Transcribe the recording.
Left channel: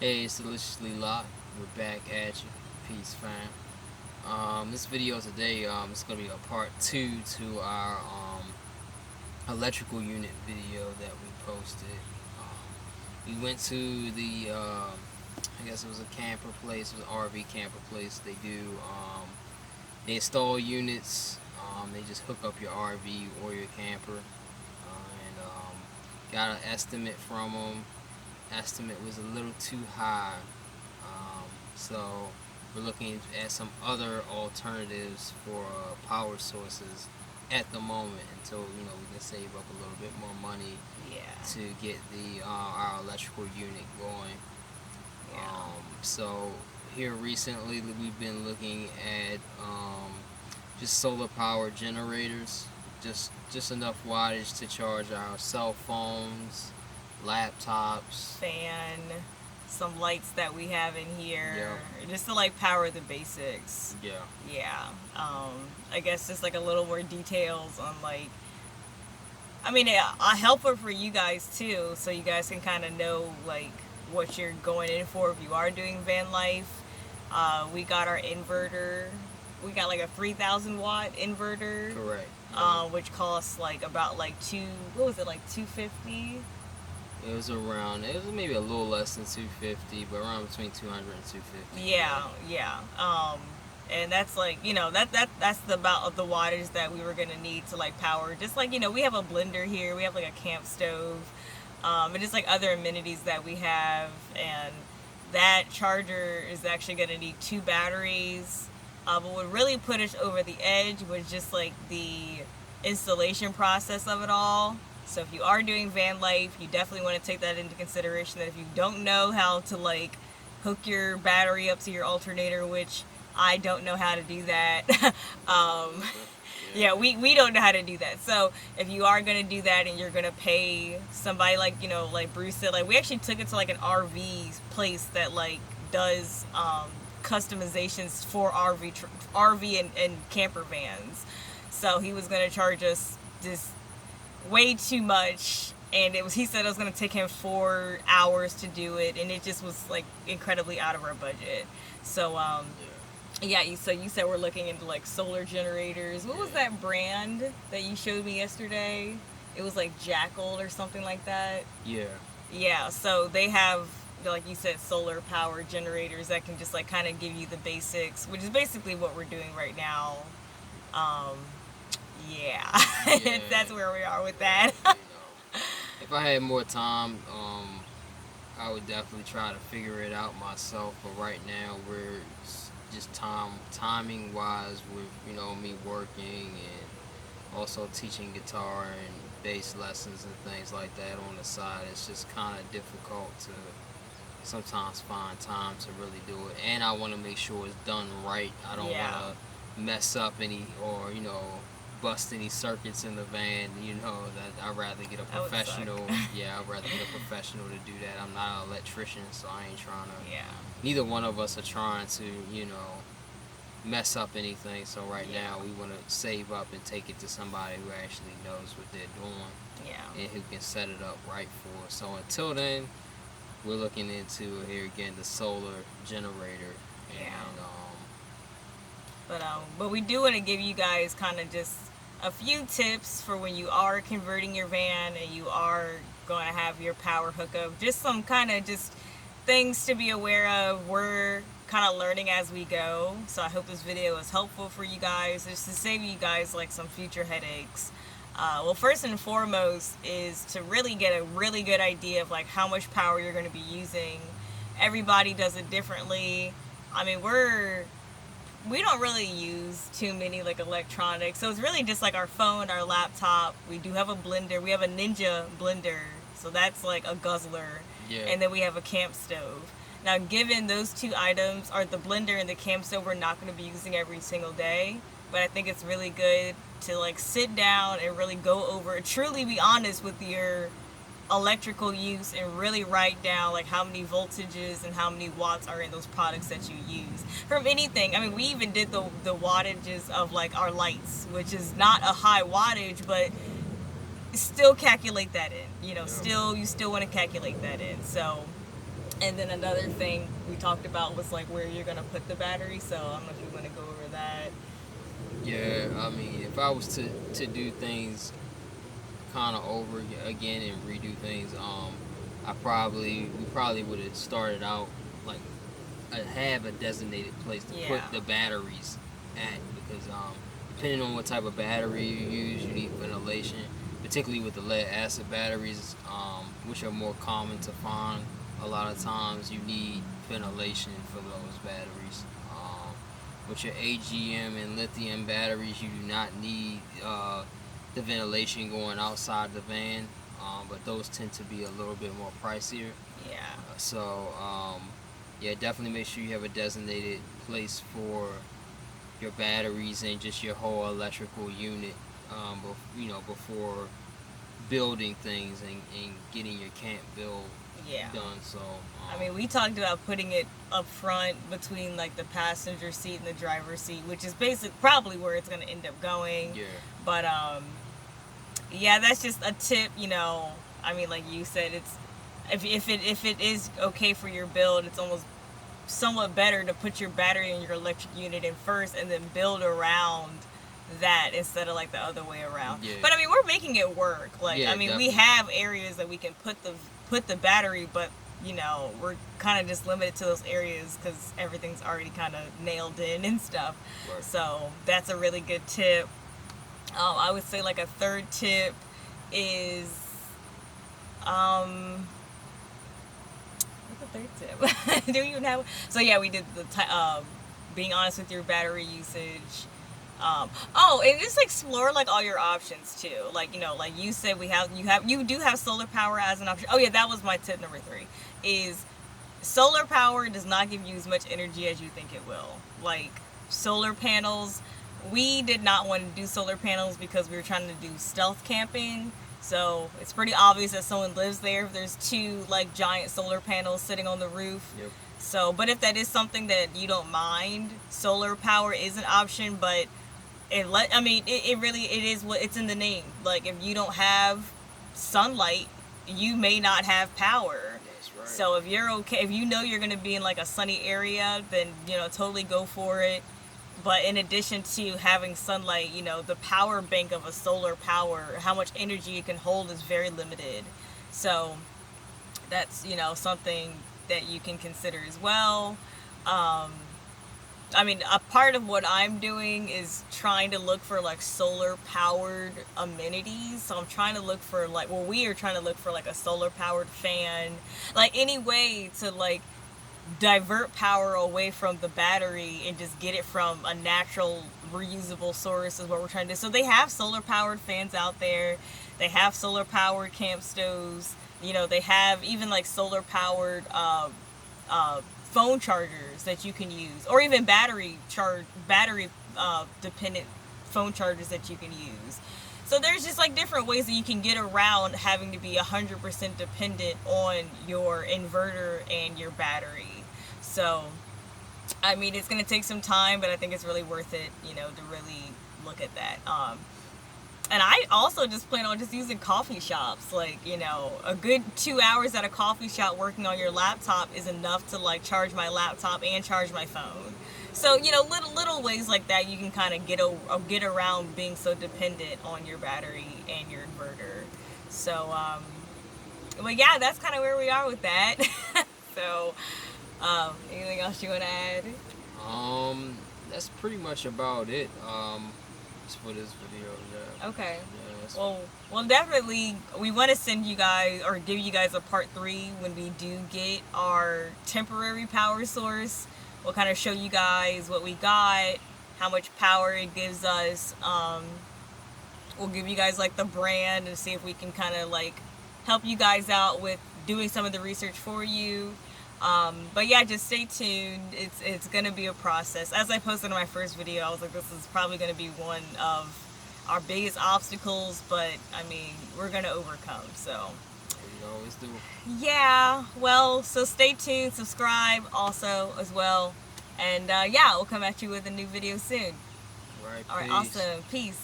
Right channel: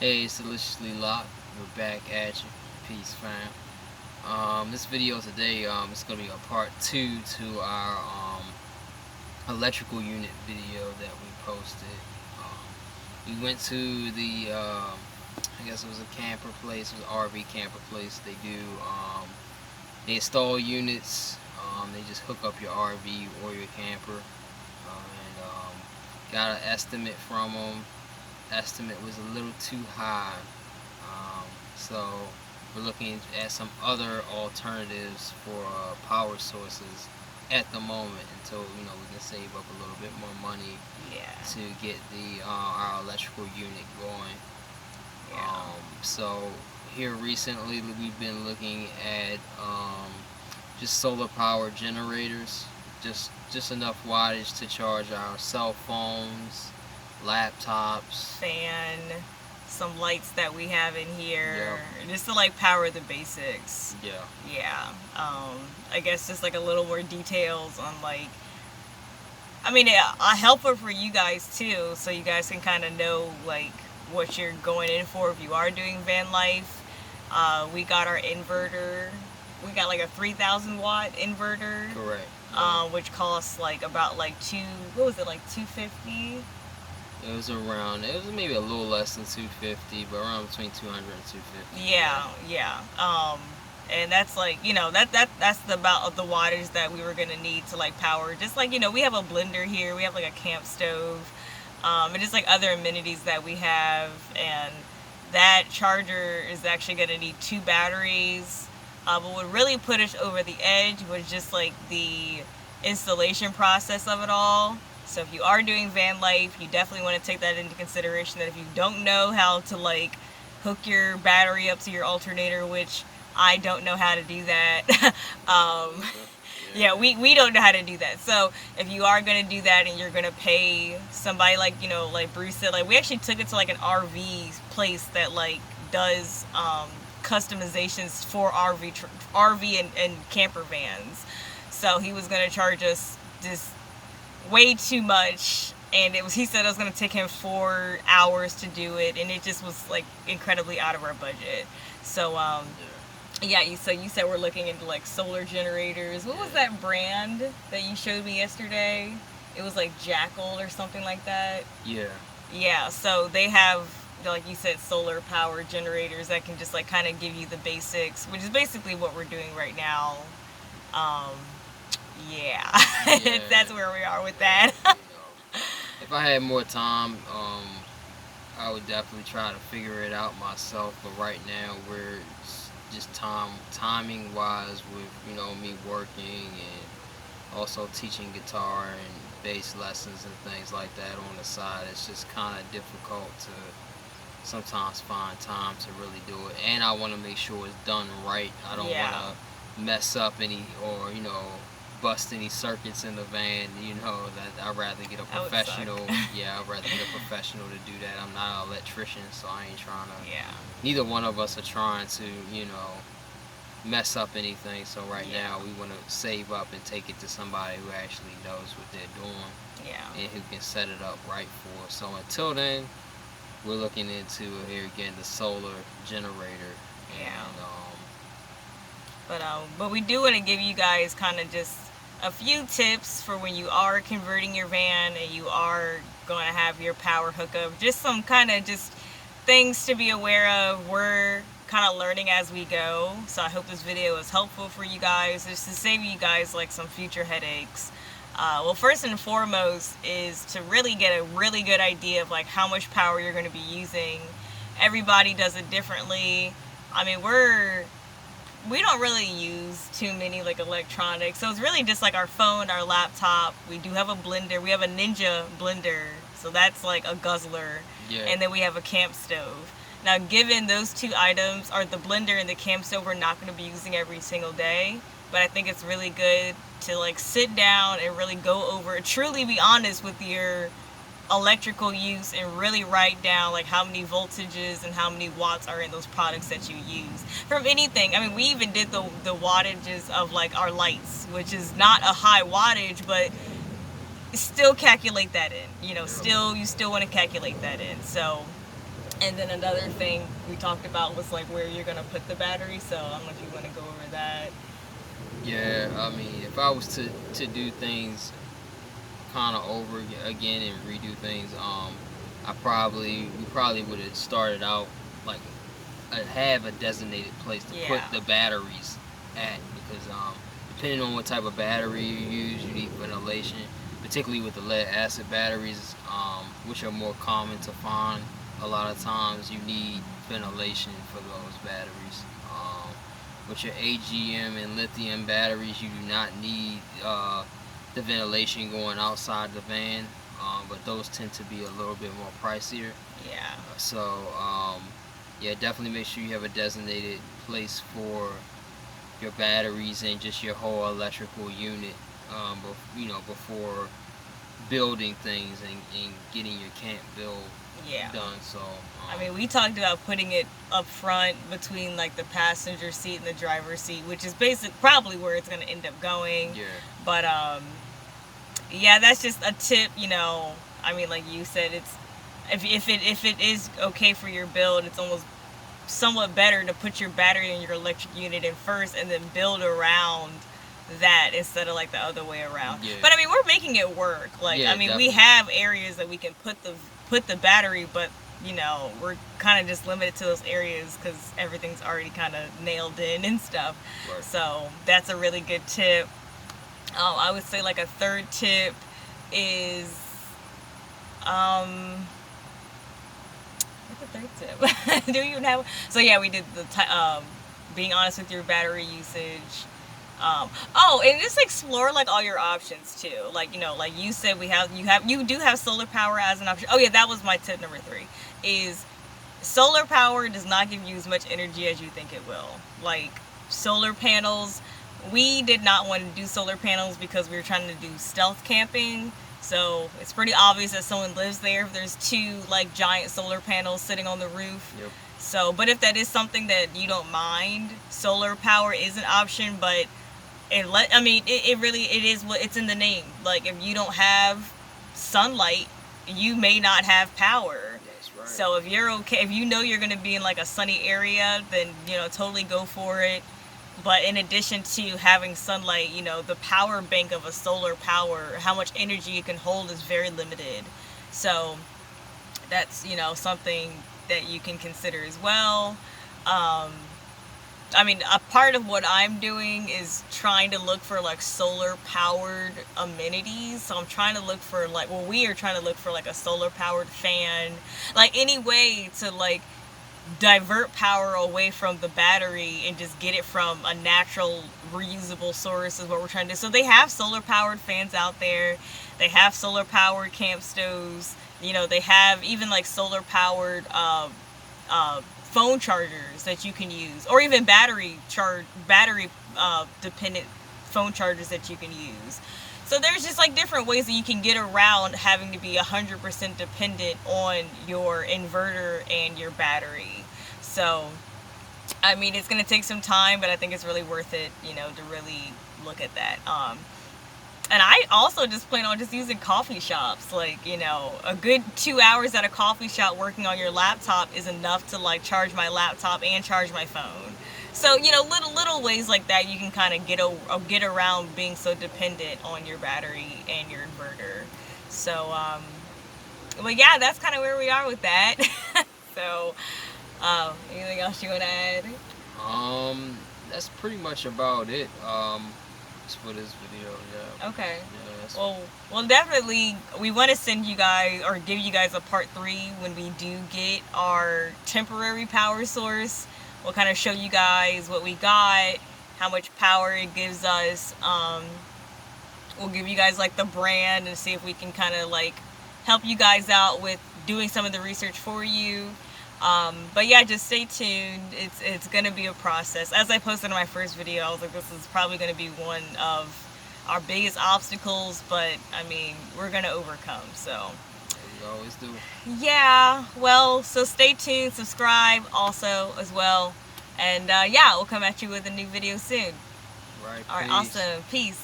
Hey, it's Deliciously Locked. We're back at you. Peace, fam. This video today, it's gonna be a part two to our electrical unit video that we posted. We went to the, I guess it was a camper place, it was an RV camper place. They install units. They just hook up your RV or your camper, and got an estimate from them. Estimate was a little too high. So we're looking at some other alternatives for power sources at the moment until we can save up a little bit more money to get the our electrical unit going. So here recently we've been looking at just solar power generators, just enough wattage to charge our cell phones, laptops, fan, some lights that we have in here, just to like power the basics. Yeah. I guess just like a little more details on like, I mean, a helper for you guys too, so you guys can kind of know like what you're going in for if you are doing van life. We got our inverter. We got like a 3,000 watt inverter. Correct. Which costs like about like what was it, like 250? It was maybe a little less than 250, but around between 200 and 250. Yeah. And that's like, that's the about of the wattage that we were gonna need to like power. Just like, we have a blender here, we have like a camp stove, and just like other amenities that we have. And that charger is actually gonna need 2 batteries. But what really put us over the edge was just like the installation process of it all. So if you are doing van life, you definitely want to take that into consideration, that if you don't know how to like hook your battery up to your alternator, which I don't know how to do that. We don't know how to do that. So if you are going to do that and you're going to pay somebody like, like Bruce said, like we actually took it to like an RV place that like does customizations for RV and camper vans. So he was going to charge us this way too much, and he said it was going to take him 4 hours to do it, and it just was like incredibly out of our budget. So so you said we're looking into like solar generators. What was that brand that you showed me yesterday? It was like Jackal or something like that. Yeah. So they have, like you said, solar power generators that can just like kind of give you the basics, which is basically what we're doing right now. That's where we are with that. If I had more time, I would definitely try to figure it out myself. But right now, we're just timing wise with me working and also teaching guitar and bass lessons and things like that on the side. It's just kind of difficult to sometimes find time to really do it, and I want to make sure it's done right. I don't want to mess up any or bust any circuits in the van. That I'd rather get a professional. I'd rather get a professional to do that. I'm not an electrician, so I ain't trying to. Neither one of us are trying to mess up anything. So now we want to save up and take it to somebody who actually knows what they're doing. And who can set it up right for us. So until then, we're looking into here again the solar generator. But we do want to give you guys kind of just a few tips for when you are converting your van and you are going to have your power hookup. Just some kind of just things to be aware of. We're kind of learning as we go, so I hope this video is helpful for you guys, just to save you guys like some future headaches. Well, first and foremost is to really get a really good idea of like how much power you're going to be using. Everybody does it differently. I mean, we don't really use too many like electronics, so it's really just like our phone, our laptop. We do have a blender. We have a Ninja blender, so that's like a guzzler. And then we have a camp stove. Now, given those 2 items, are the blender and the camp stove, we're not going to be using every single day, but I think it's really good to like sit down and really go over, truly be honest with your electrical use and really write down like how many voltages and how many watts are in those products that you use from anything. I mean, we even did the wattages of like our lights, which is not a high wattage, but still calculate that in. You still want to calculate that in. So And then another thing we talked about was like where you're gonna put the battery. So I don't know if you want to go over that. Yeah, I mean, if I was to do things kind of over again and redo things, we probably would have started out like have a designated place to put Yeah. the batteries at, because depending on what type of battery you use, you need ventilation, particularly with the lead acid batteries, which are more common to find. A lot of times you need ventilation for those batteries. With your AGM and lithium batteries, you do not need the ventilation going outside the van, but those tend to be a little bit more pricier. Yeah. Yeah, definitely make sure you have a designated place for your batteries and just your whole electrical unit, before building things and getting your camp build Yeah. done. So I mean, we talked about putting it up front between like the passenger seat and the driver's seat, which is probably where it's going to end up going. yeah, But yeah, that's just a tip. I mean, like you said, it's if it is okay for your build, it's almost somewhat better to put your battery and your electric unit in first and then build around that instead of like the other way around. Yeah. But I mean, we're making it work. Like, Yeah, I mean, definitely. we have areas that we can put the battery, but we're kind of just limited to those areas because everything's already kind of nailed in and stuff. Right. So that's a really good tip. I would say like a third tip is what's the third tip? Do you even have? So yeah, we did the being honest with your battery usage. And just explore like all your options too. Like like you said, you do have solar power as an option. Oh yeah, that was my tip number 3. Is solar power does not give you as much energy as you think it will. Like solar panels, we did not want to do solar panels because we were trying to do stealth camping. So it's pretty obvious that someone lives there if there's 2 like giant solar panels sitting on the roof. Yep. So, but if that is something that you don't mind, solar power is an option. But it is what it's in the name. Like if you don't have sunlight, you may not have power. That's right. So if you're okay, if you're going to be in like a sunny area, then totally go for it. But in addition to having sunlight, the power bank of a solar power, how much energy it can hold is very limited. So that's something that you can consider as well. I mean, a part of what I'm doing is trying to look for like solar powered amenities. So I'm trying to look for we are trying to look for like a solar powered fan, like any way to like divert power away from the battery and just get it from a natural reusable source is what we're trying to do. So they have solar powered fans out there. They have solar powered camp stoves. They have even like solar powered phone chargers that you can use, or even battery dependent phone chargers that you can use. So there's just like different ways that you can get around having to be 100% dependent on your inverter and your battery. So I mean, it's going to take some time, but I think it's really worth it, to really look at that. And I also just plan on just using coffee shops. Like, a good 2 hours at a coffee shop working on your laptop is enough to like charge my laptop and charge my phone. So, little ways like that you can kind of get around being so dependent on your battery and your inverter. So, but yeah, that's kind of where we are with that. So, anything else you want to add? That's pretty much about it. For this video, yeah. Okay. Yeah, well, definitely, we want to send you guys or give you guys a part 3 when we do get our temporary power source. We'll kind of show you guys what we got, how much power it gives us. We'll give you guys like the brand and see if we can kind of like help you guys out with doing some of the research for you. But yeah, just stay tuned. It's gonna be a process. As I posted in my first video, I was like, this is probably gonna be one of our biggest obstacles, but I mean, we're gonna overcome. So we always do. Yeah. Well, so stay tuned. Subscribe also as well, and yeah, we'll come at you with a new video soon. Right. All right. Awesome. Peace.